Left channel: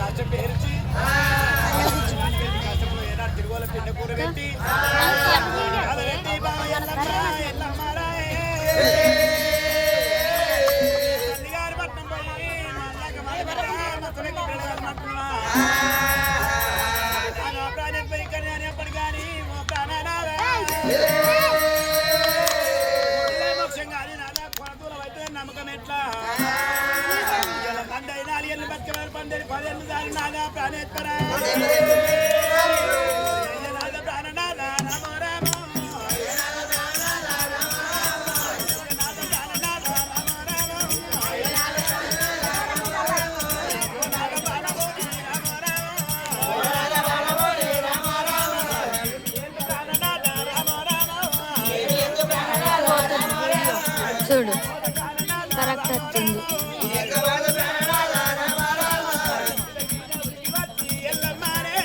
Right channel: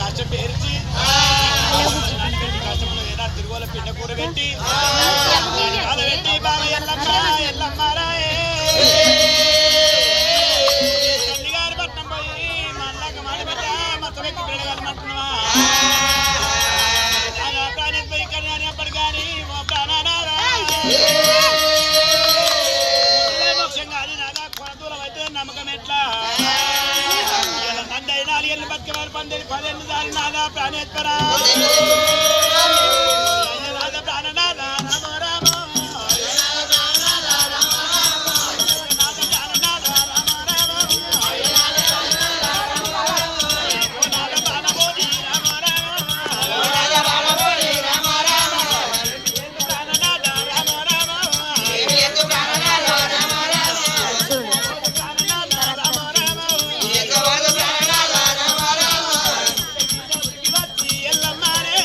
కష్టం పేర్చి కష్టంలో ఏనాడు తిరుగుల పిండ కూర పెట్టి పెట్టి బాబా ఎల్లమ్మ ఎల్లమ్మారాయే తల్లిగారి పట్నం పోయి మళ్ళాక మాడి బిడ్డ మొత్తం ఎక్కి పిల్లగాలి మట్టునవా ప్రాణేష్ పోయి ఇక్కడ కానీ అప్పటి కానీ మా ప్రాణారా మోక్షం కాదు నాదా కొన దూరం అయితే నమ్మకం ఎట్లా నందై 4 ఏళ్ళు బతికేవారు 10 ఏళ్ళు దారి నాదా ప్రాణేశ్వరా నాదా ప్రాణనాథ రామ రామ ఎల్లమ్మారే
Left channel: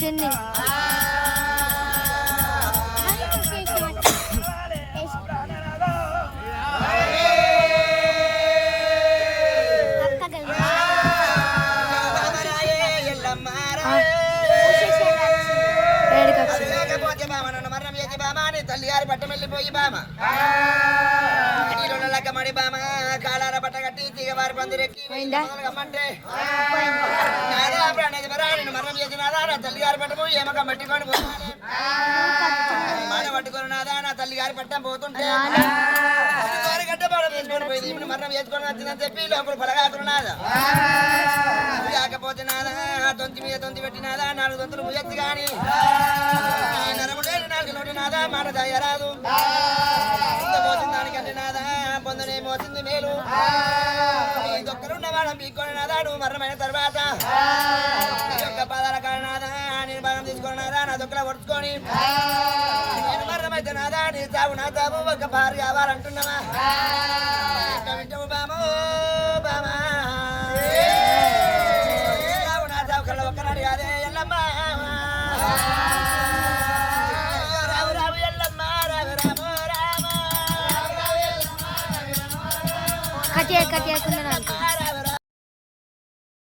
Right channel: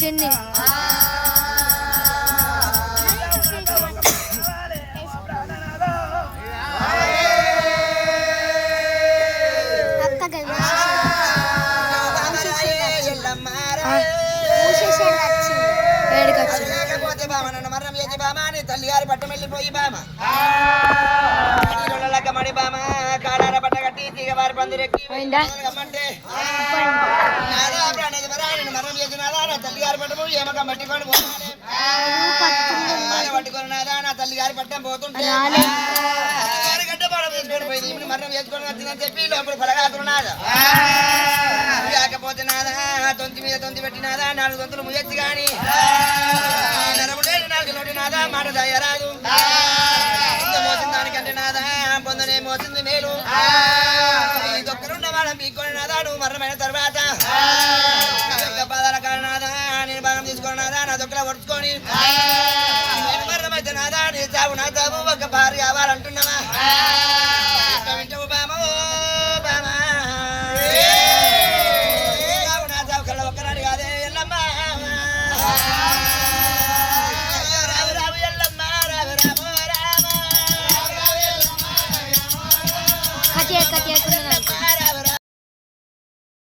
చిన్ని తల్లి గారి పట్టం వెళ్ళిపోయి బామ మడి బామ కాడార పట్ట కట్టి తీగవారి పందిరెక్కి గమ్మంటే మరణం చేసినాదా నా తల్లి గారి పట్టము ఏమక పట్టుకొని మాట పట్టుకొని నాదా నా తల్లి గారి పట్టం పోతుంటే గడ్డ పడం తీసుకొని పోయింది ఇప్పుడు మరణం చేసుకొని వచ్చిందని చెప్పి లోపల పలగాకున్నాదా కాకపోతే నాదా తొంతి మీద తొంతి పెట్టినాదా 4 తొంతులు ముయ్యొచ్చు గాని నరముడే 4 నోటి నాదా మాట దయరాదు మోసిన దానికంటే నాదా పొందనే మోసింది మేలు దొక్కరున్న వాళ్ళ మీకొని నాదా నువ్వు మరణమైన తర్వాత నీ యొక్క పాదాల కారణాదా నేను భాగం తీసుకున్నాదా నా దొక్కల పడుచుకొని నేను మరణమైతే నాదా నీ చావు నా చావు ఒక భార్య కావాలంటున్నావా వింటావు బామో బామా చావు నా చావు కళ్ళ ఒక్కనాడు కాదే ఎల్లమ్మ రావు రావు ఎల్లమ్మ రావు రాము రామ కట్టే